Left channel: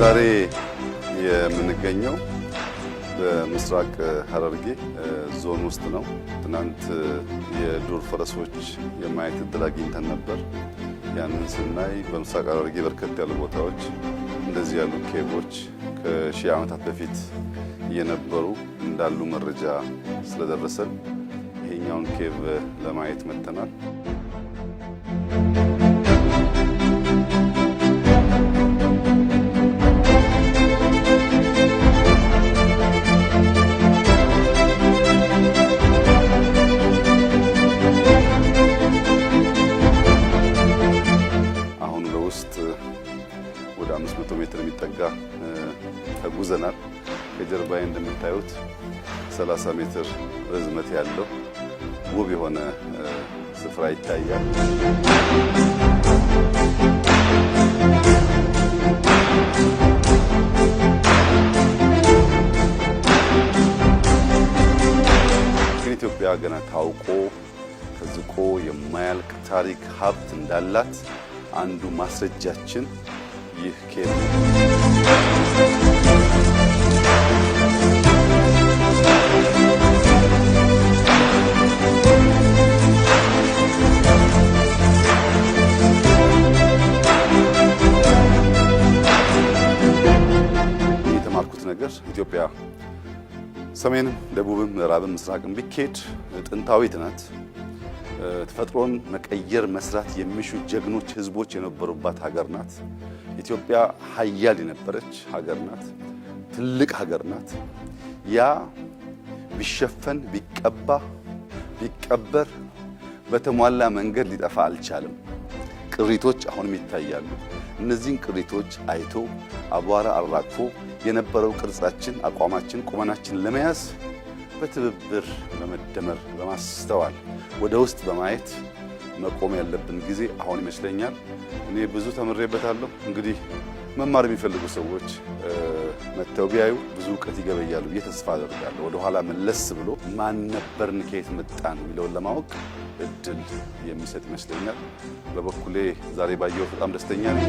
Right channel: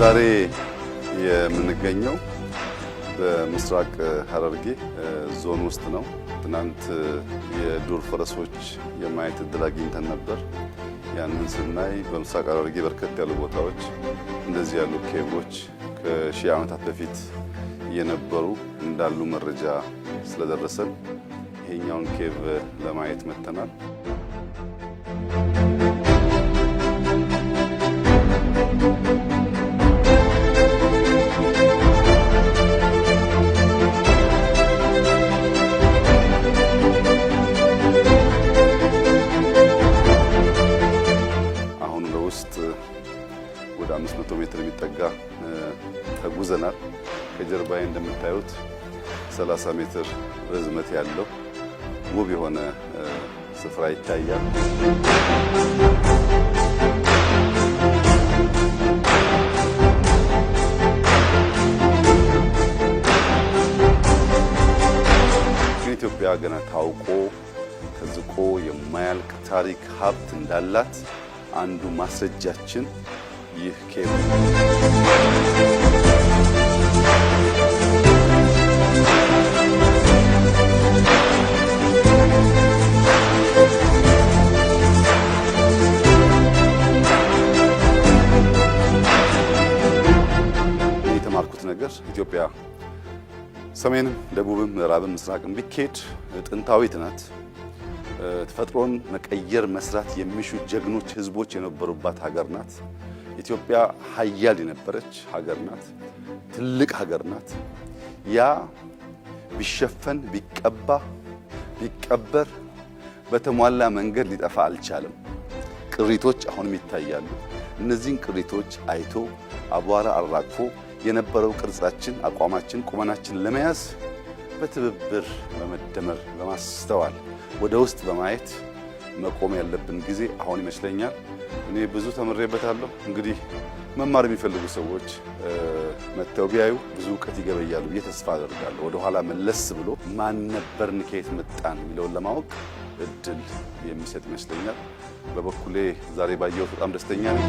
ዛሬ የምንገኘው በምስራቅ ሐረርጌ ዞን ውስጥ ነው። ትናንት የዱር ፈረሶች የማየት እድል አግኝተን ነበር። ያንን ስናይ በምስራቅ ሐረርጌ በርከት ያሉ ቦታዎች እንደዚህ ያሉ ኬቮች ከሺህ ዓመታት በፊት የነበሩ እንዳሉ መረጃ ስለደረሰን ይሄኛውን ኬቭ ለማየት መጥተናል። ወደ 500 ሜትር የሚጠጋ ተጉዘናል። ከጀርባዬ እንደምታዩት 30 ሜትር ርዝመት ያለው ውብ የሆነ ስፍራ ይታያል። ኢትዮጵያ ገና ታውቆ ተዝቆ የማያልቅ ታሪክ ሀብት እንዳላት አንዱ ማስረጃችን ይህ ኬቭ ነው። የተማርኩት ነገር ኢትዮጵያ ሰሜንም ደቡብም ምዕራብም ምስራቅም ቢኬድ ጥንታዊት ናት። ተፈጥሮን መቀየር መስራት የሚሹ ጀግኖች ህዝቦች የነበሩባት ሀገር ናት። ኢትዮጵያ ሀያል የነበረች ሀገር ናት። ትልቅ ሀገር ናት። ያ ቢሸፈን ቢቀባ ቢቀበር በተሟላ መንገድ ሊጠፋ አልቻለም። ቅሪቶች አሁንም ይታያሉ። እነዚህን ቅሪቶች አይቶ አቧራ አራግፎ የነበረው ቅርጻችን፣ አቋማችን፣ ቁመናችን ለመያዝ በትብብር በመደመር በማስተዋል ወደ ውስጥ በማየት መቆም ያለብን ጊዜ አሁን ይመስለኛል። እኔ ብዙ ተምሬበታለሁ። እንግዲህ መማር የሚፈልጉ ሰዎች መተው ቢያዩ ብዙ ዕውቀት ይገበያሉ ብዬ ተስፋ አደርጋለሁ። ወደ ኋላ መለስ ብሎ ማን ነበርን ከየት መጣን የሚለውን ለማወቅ እድል የሚሰጥ ይመስለኛል። በበኩሌ ዛሬ ባየሁት በጣም ደስተኛ ነኝ።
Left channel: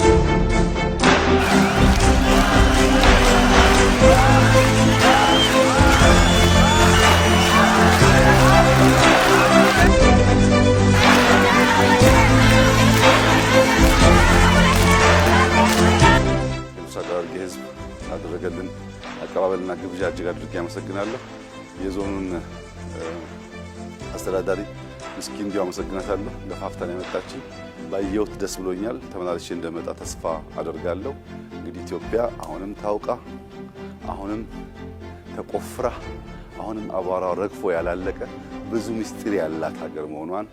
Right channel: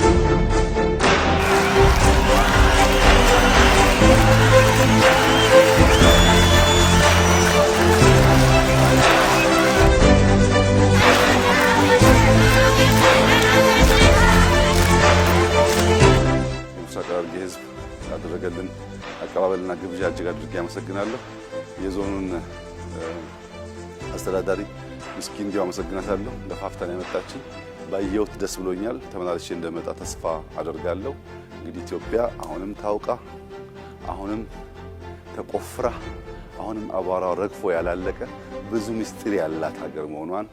የምስራቅ ሐረርጌ ሕዝብ ላደረገልን አቀባበልና ግብዣ እጅግ አድርጌ አመሰግናለሁ። የዞኑን አስተዳዳሪ ምስኪን እንዲሁ አመሰግናታለሁ። ለፋፍታን ያመጣችኝ ባየሁት ደስ ብሎኛል። ተመላልሼ እንደመጣ ተስፋ አደርጋለሁ። እንግዲህ ኢትዮጵያ አሁንም ታውቃ፣ አሁንም ተቆፍራ፣ አሁንም አቧራው ረግፎ ያላለቀ ብዙ ምስጢር ያላት ሀገር መሆኗን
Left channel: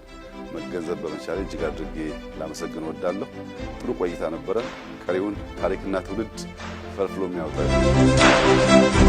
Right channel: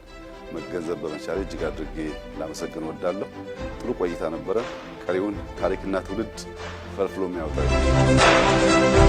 መገንዘብ በመቻሌ እጅግ አድርጌ ላመሰግን እወዳለሁ። ጥሩ ቆይታ ነበረ። ቀሪውን ታሪክና ትውልድ ፈልፍሎ የሚያወጣው